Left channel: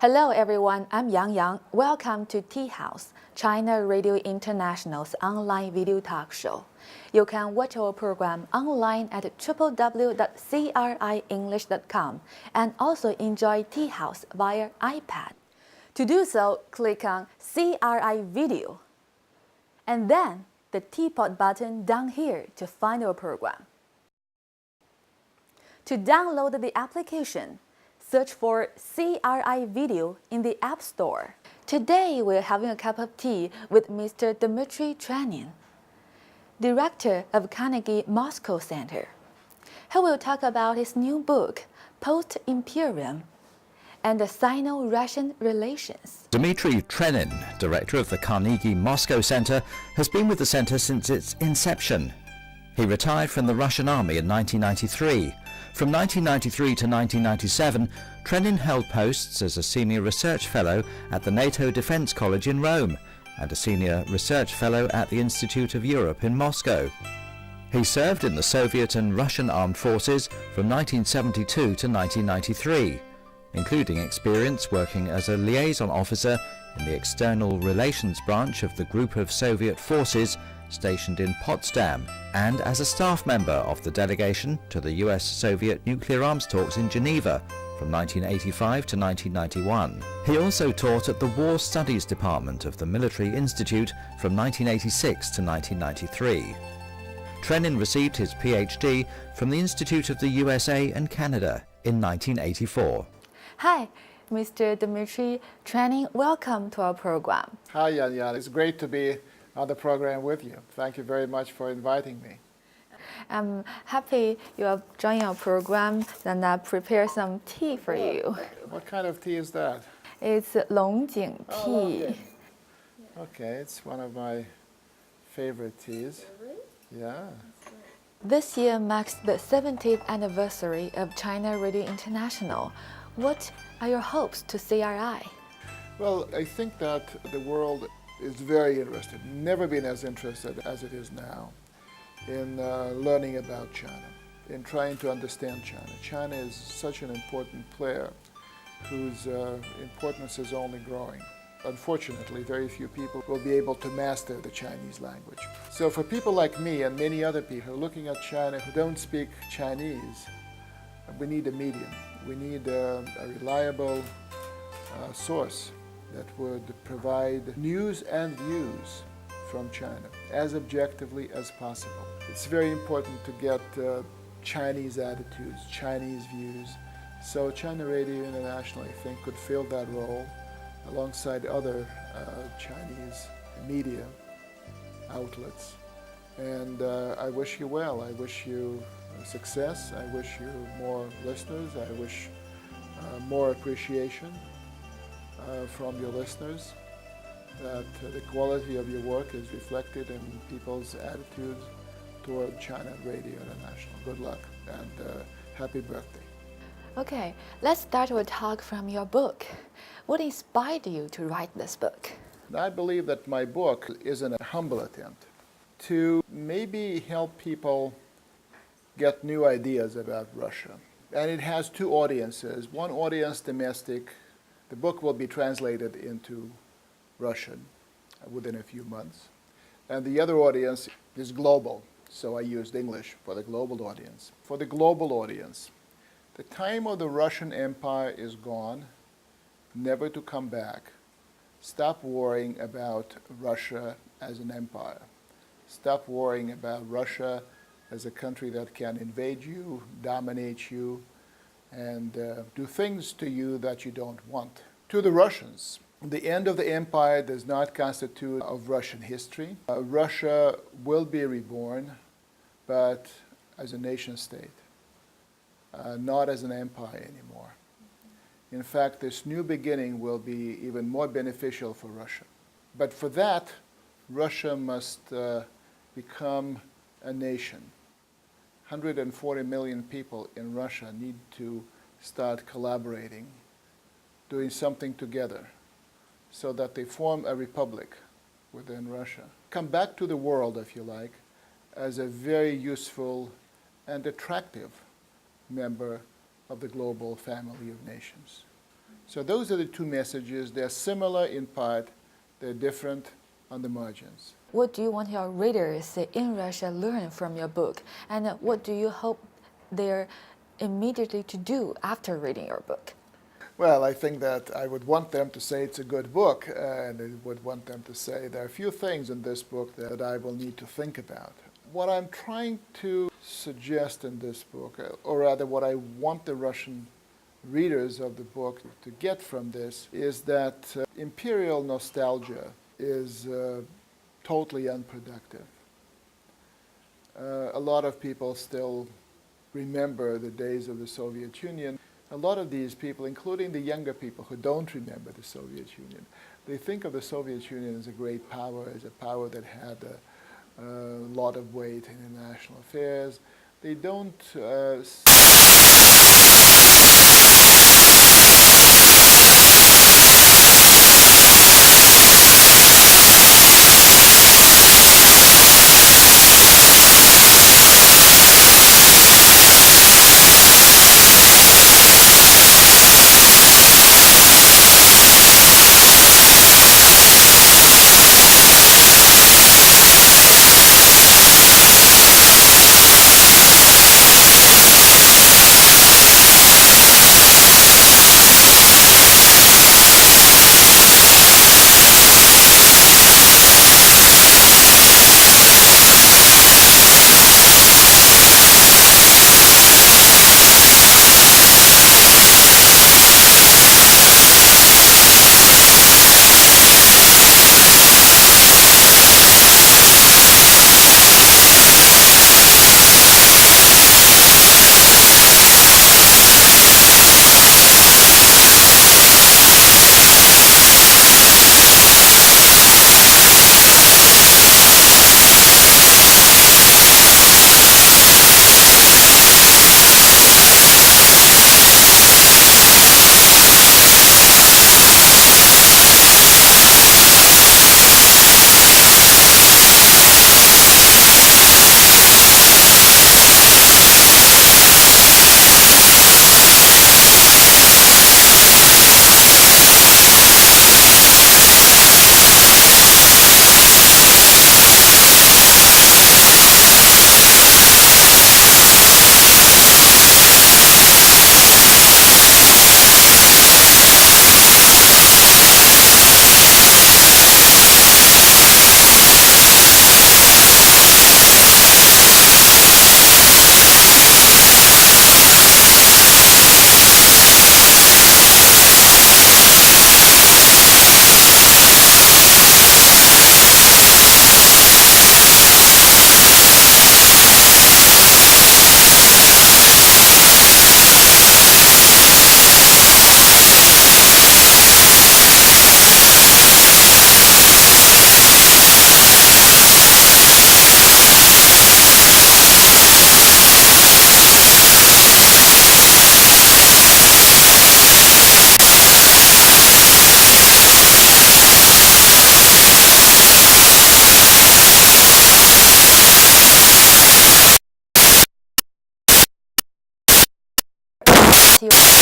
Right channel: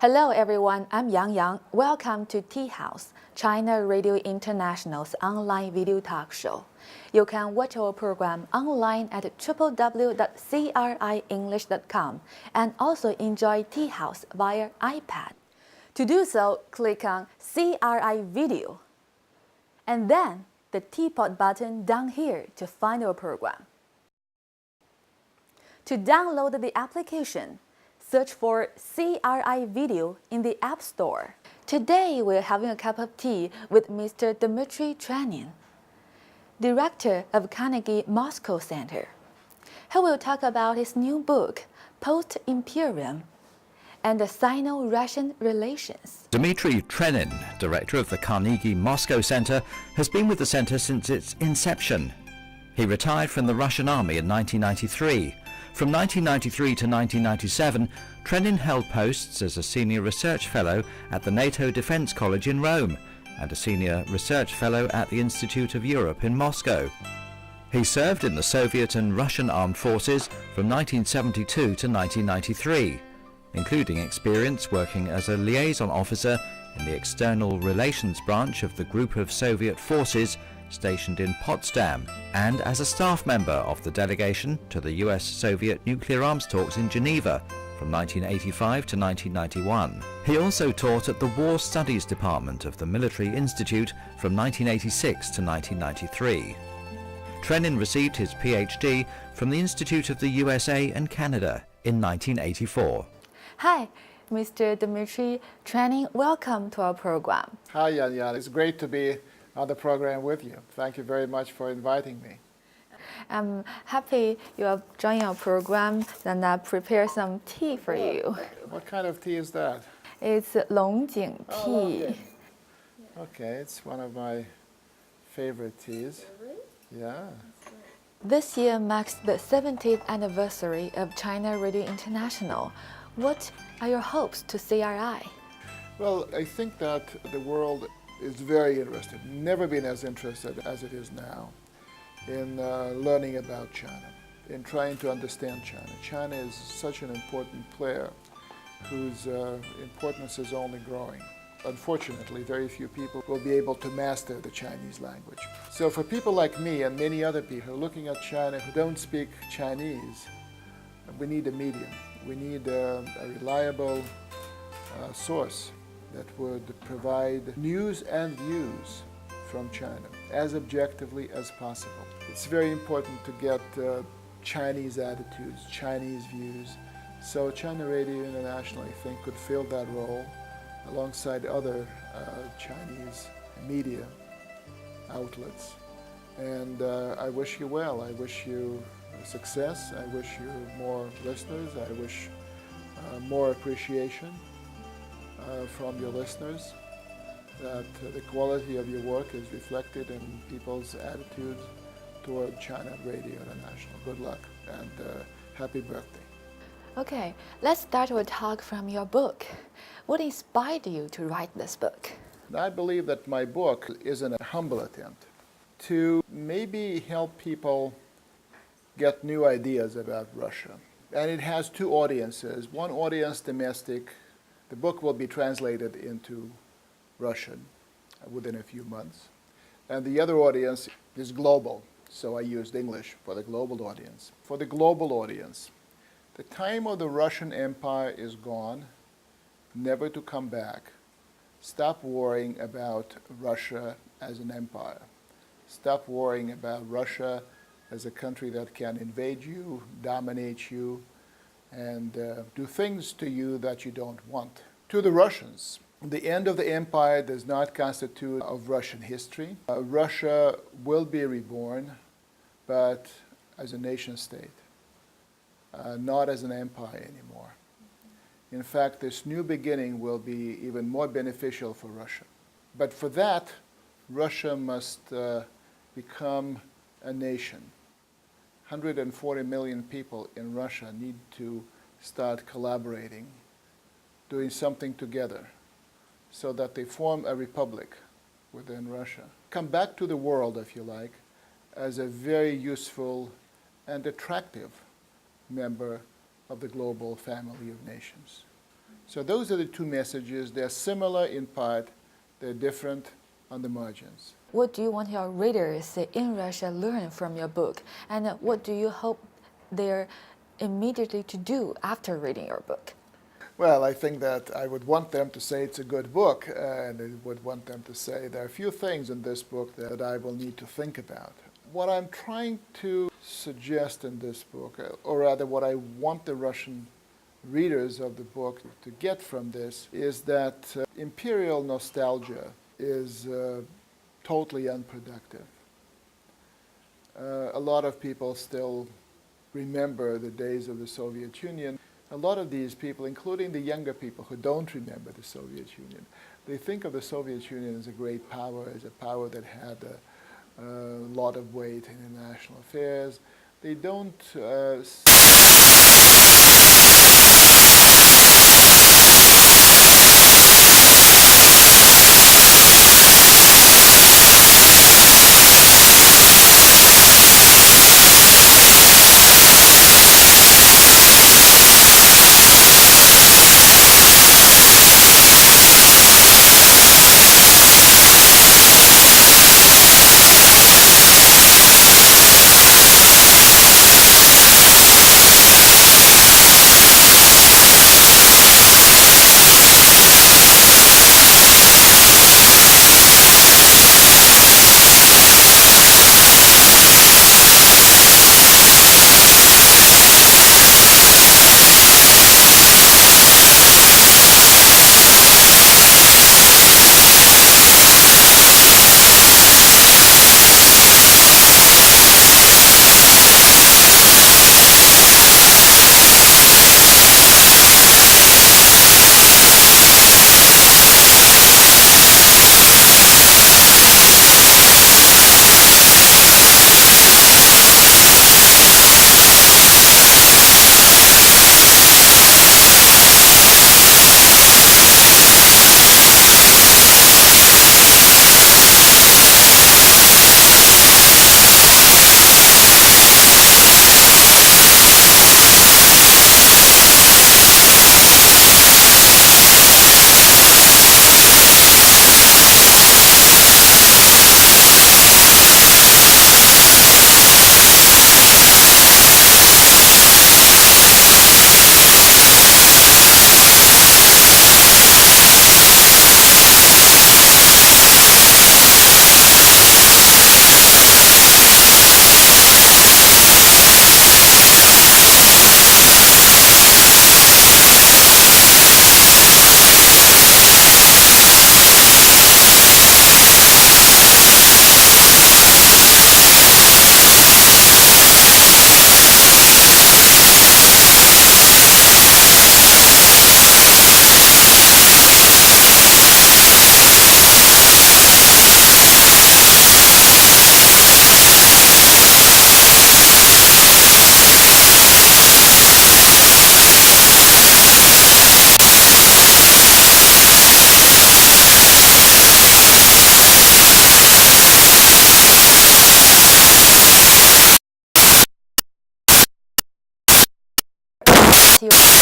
Hello everyone, I'm Yang. Welcome to Tea House, China Radio International's online video talk show. You can watch our program online at www.CRIenglish.com and enjoy enjoy Tea House via iPad. To do so, click on CRI Video and then the teapot button down here to find our program. To download the application, search for CRI Video in the App Store. Today we're having a cup of tea with Mr. DmitriTrenin, Director of Carnegie Moscow Center. He will talk about his new book, Post-Imperium, and the Sino-Russian relations. Dmitry Trenin, Director of the Carnegie Moscow Center, has been with the center since its inception. He retired from the Russian army in 1993. From 1993 to 1997, Trenin held posts as a Senior Research Fellow at the NATO Defense College in Rome and a Senior Research Fellow at the Institute of Europe in Moscow. He served in the Soviet and Russian armed forces from 1972 to 1993, including experience working as a liaison officer in the External Relations branch of the Group of Soviet Forces stationed in Potsdam, and as a staff member of the delegation to the US-Soviet nuclear arms talks in Geneva from 1985 to 1991. He also taught at the War Studies Department of the Military Institute from 1986 to 1993. Trenin received his PhD from the Institute of the USA and Canada in 1984. Hi, Mr. DmitriTrenin, welcome to our program. Hi, Yan. It's great to be on the program with you. Thank you very much for inviting me. I'm happy you are joining our program and I prepare some tea for you. What kind of tea is that? It's Longjing tea. Okay, it's one of my favorite teas. Yeah. This year marks the 70th anniversary of China Radio International. What are your hopes to CRI? Well, I think that the world is very interested, never been as interested as it is now, in learning about China, in trying to understand China. China is such an important player whose importance is only growing. Unfortunately, very few people will be able to master the Chinese language. So for people like me and many other people looking at China who don't speak Chinese, we need a medium. We need a reliable source that would provide news and views from China as objectively as possible. It's very important to get Chinese attitudes, Chinese views. So China Radio International, I think, could fill that role alongside other Chinese media outlets. And I wish you well. I wish you success. I wish you more listeners. I wish more appreciation from your listeners, that the quality of your work is reflected in people's attitudes toward China Radio International. Good luck and happy birthday. Okay, let's start our talk from your book. What inspired you to write this book? I believe that my book is a humble attempt to maybe help people get new ideas about Russia. And it has two audiences. One audience, domestic. The book will be translated into Russian within a few months. And the other audience is global, so I used English for the global audience. For the global audience, the time of the Russian Empire is gone, never to come back. Stop worrying about Russia as an empire. Stop worrying about Russia as a country that can invade you, dominate you, and do things to you that you don't want. To the Russians, the end of the empire does not constitute of Russian history. Russia will be reborn, but as a nation state, not as an empire anymore. In fact, this new beginning will be even more beneficial for Russia. But for that, Russia must become a nation. 140 million people in Russia need to start collaborating, doing something together, so that they form a republic within Russia. Come back to the world, if you like, as a very useful and attractive member of the global family of nations. So those are the two messages. They're similar in part, they're different on the margins. What do you want your readers in Russia learn from your book? And what do you hope they're immediately to do after reading your book? Well, I think that I would want them to say it's a good book, and I would want them to say there are a few things in this book that I will need to think about. What I'm trying to suggest in this book, or rather what I want the Russian readers of the book to get from this, is that imperial nostalgia is totally unproductive. A lot of people still remember the days of the Soviet Union. A lot of these people, including the younger people who don't remember the Soviet Union, they think of the Soviet Union as a great power, as a power that had a lot of weight in international affairs. They don't See you.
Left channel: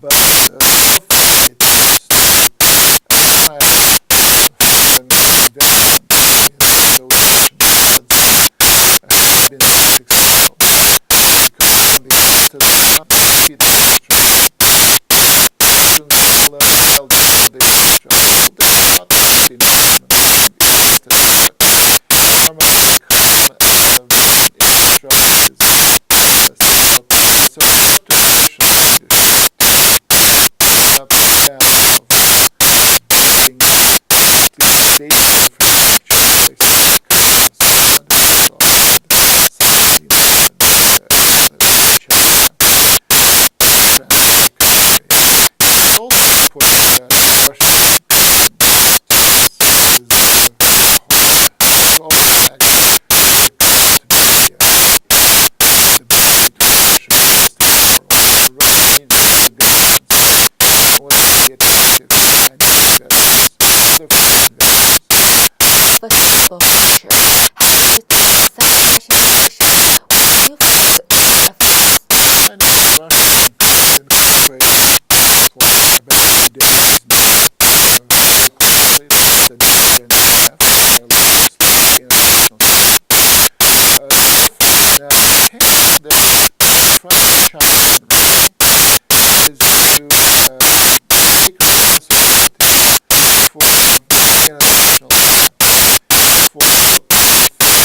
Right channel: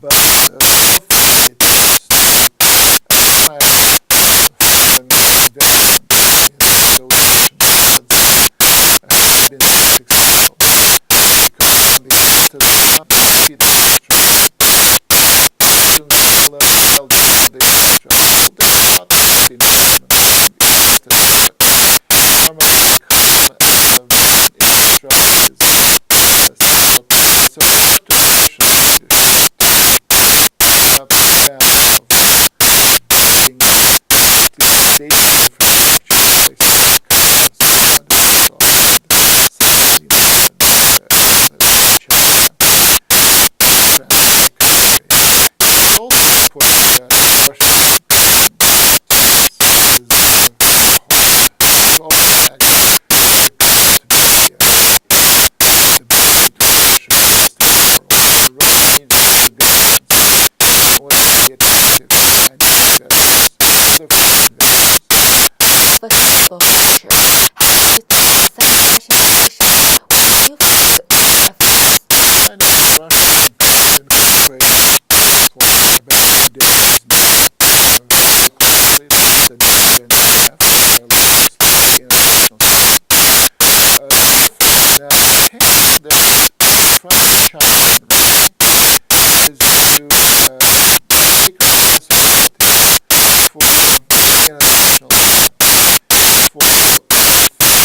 But so far it is foreign investment association has been successful because on the after the flexible future has its such fashion with new reference. I know Russian incorporates about days now, the case that France, China, and Russia is to take responsibility for international for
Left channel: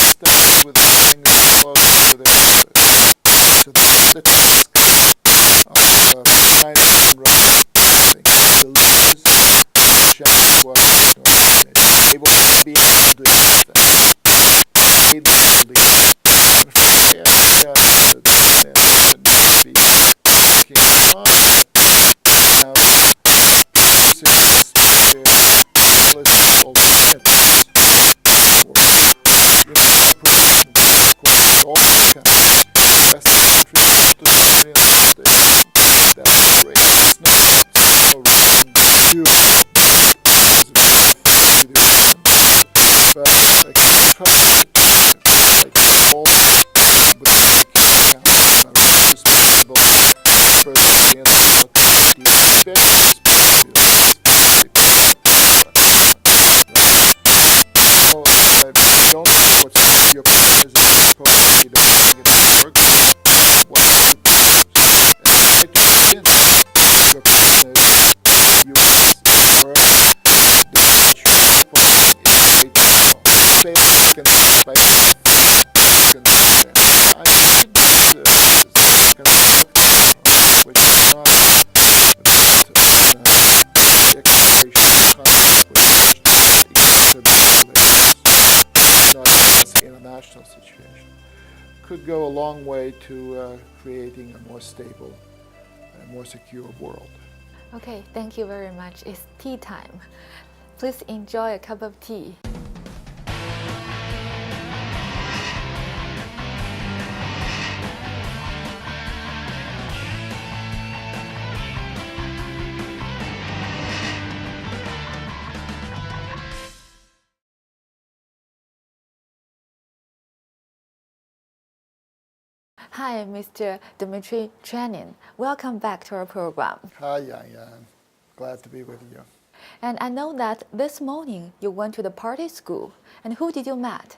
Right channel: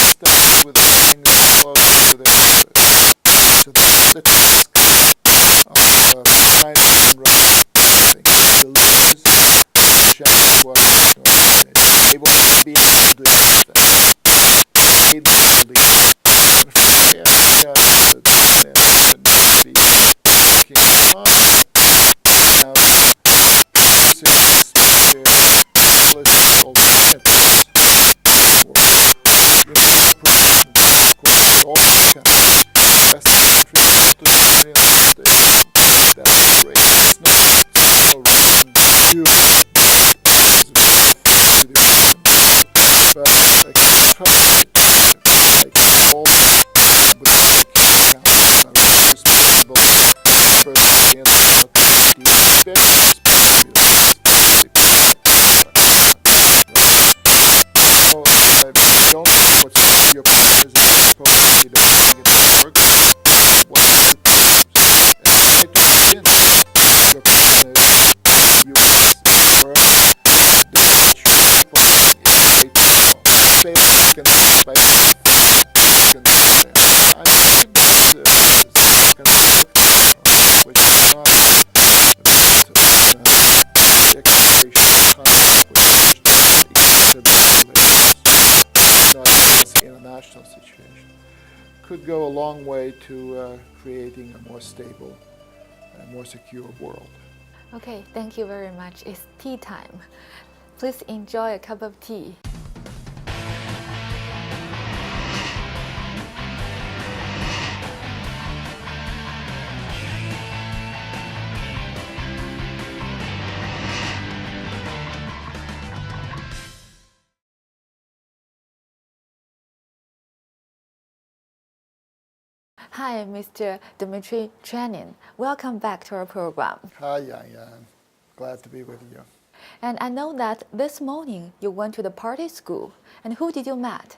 stuff with the language close to their borders. So that's the task of China and Russia. The leaders just what they will not be able to do anything. They need to lead. And be working on now policy alternatives for all countries, Western countries to the United States. That's great. It's not no reason to do it. But like all responsible for the so I don't support your proposal probably don't think it works. What are the problems? And I just didn't. Your question is US or the say can by can I think this is constructive, which is not exploration not an international situation, could go a long way to creating a more stable and more secure world. Okay, thank you very much. It's tea time. Please enjoy a cup of tea. Hi, Mr. DmitriTrenin. Welcome back to our program. Hi, Yan. Glad to be with you. And I know that this morning you went to the party school. And who did you meet?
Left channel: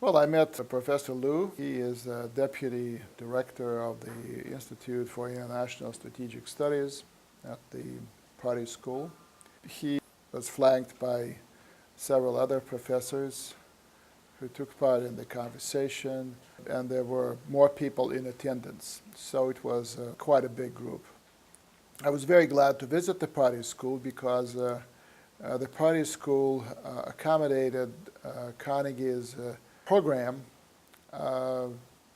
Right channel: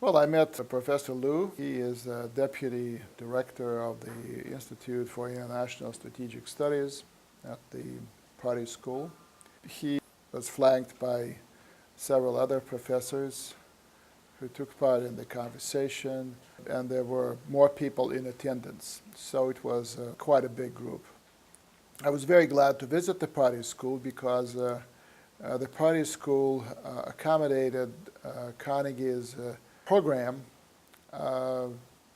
Well, I met Professor Liu. He is Deputy Director of the Institute for International Strategic Studies at the party school. He was flanked by several other professors who took part in the conversation, and there were more people in attendance, so it was quite a big group. I was very glad to visit the party school because the party school accommodated Carnegie's program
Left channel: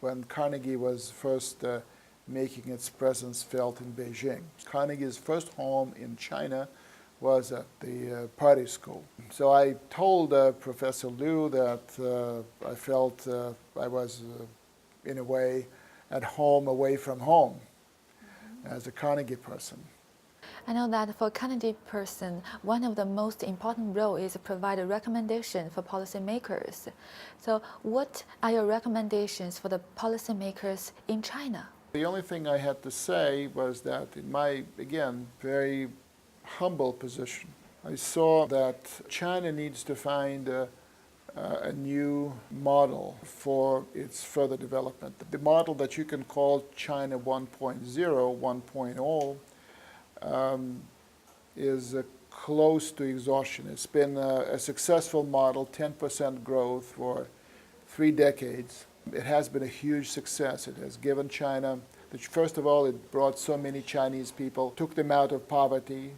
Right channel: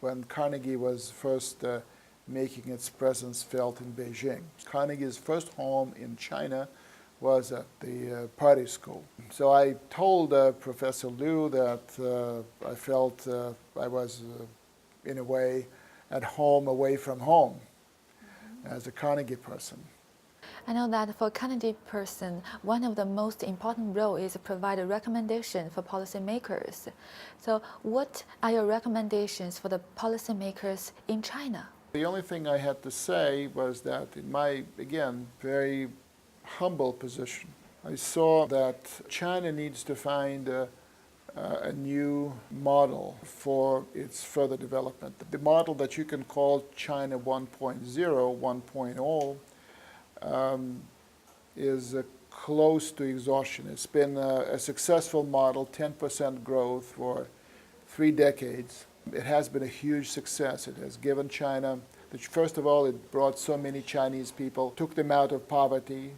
when Carnegie was first making its presence felt in Beijing. Carnegie's first home in China was at the party school. So I told Professor Liu that I felt I was, in a way, at home away from home as a Carnegie person. I know that for a Carnegie person, one of the most important roles is to provide a recommendation for policymakers. So what are your recommendations for the policymakers in China? The only thing I had to say was that in my, again, very humble position, I saw that China needs to find a new model for its further development. The model that you can call China 1.0, 1.0, is close to exhaustion. It's been a successful model, 10% growth for 3 decades. It has been a huge success. It has given China, first of all, it brought so many Chinese people, took them out of poverty.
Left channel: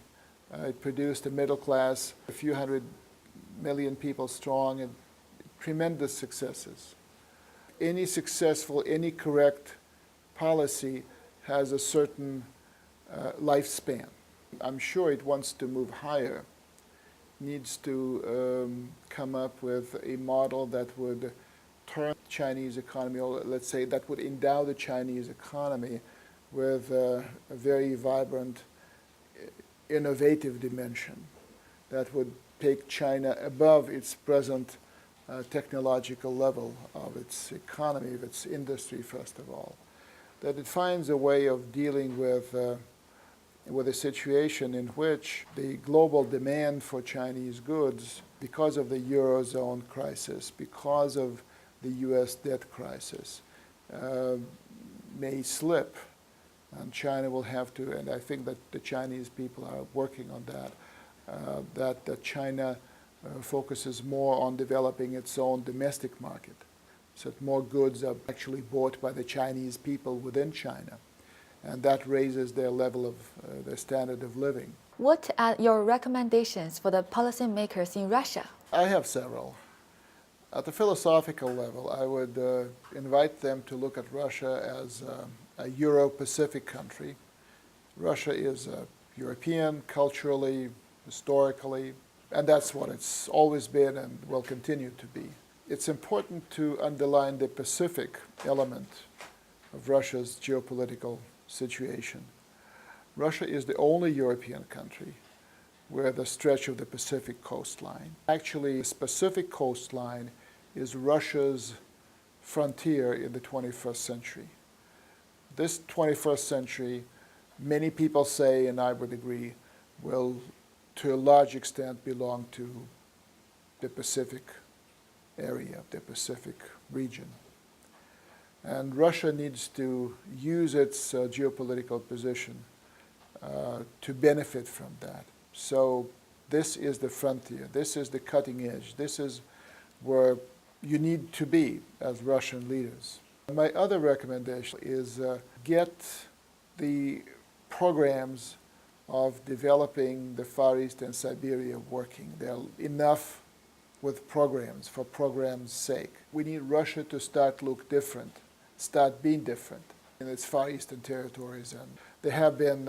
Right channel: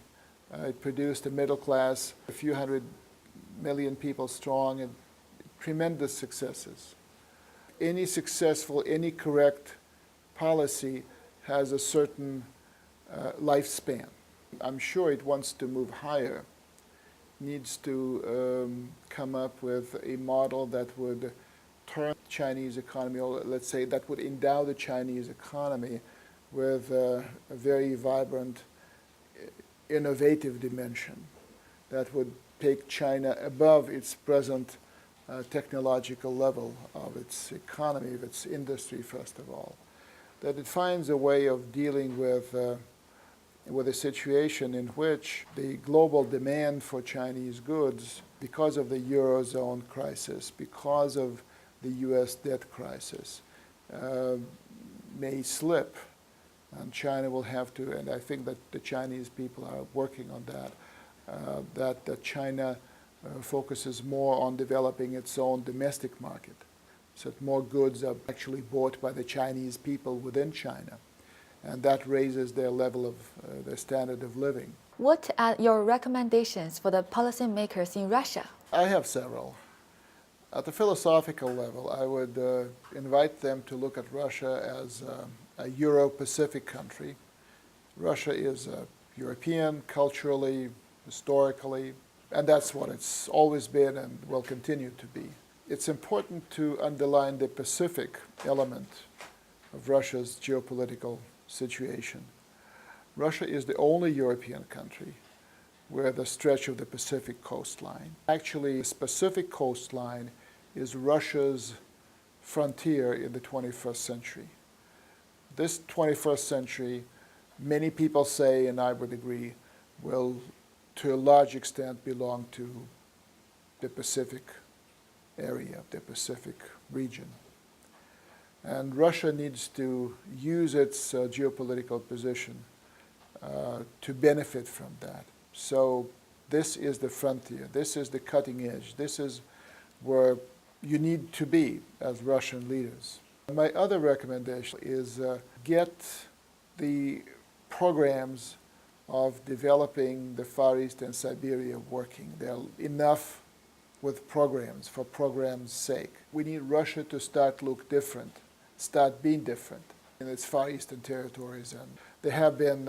It produced a middle class, a few hundred million people strong, and tremendous successes. Any successful, any correct policy has a certain lifespan. I'm sure it wants to move higher, needs to come up with a model that would turn the Chinese economy, or let's say that would endow the Chinese economy with a very vibrant, innovative dimension that would take China above its present technological level of its economy, of its industry, first of all. That it finds a way of dealing with a situation in which the global demand for Chinese goods, because of the Eurozone crisis, because of the U.S. debt crisis, may slip. And China will have to, and I think that the Chinese people are working on that, that China focuses more on developing its own domestic market, so that more goods are actually bought by the Chinese people within China. And that raises their level of, their standard of living. What are your recommendations for the policymakers in Russia? I have several. At the philosophical level, I would invite them to look at Russia as a Euro-Pacific country. Russia is European, culturally, historically, and that's what it's always been and will continue to be. It's important to underline the Pacific element of Russia's geopolitical situation. Russia is the only European country where the stretch of the Pacific coastline. Actually, this Pacific coastline is Russia's frontier in the 21st century. This 21st century, many people say, and I would agree, will to a large extent belong to the Pacific area, the Pacific region. And Russia needs to use its geopolitical position to benefit from that. So this is the frontier, this is the cutting edge, this is where you need to be as Russian leaders. My other recommendation is get the programs of developing the Far East and Siberia working. There are enough with programs for programs' sake. We need Russia to start look different, start being different in its Far Eastern territories. And there have been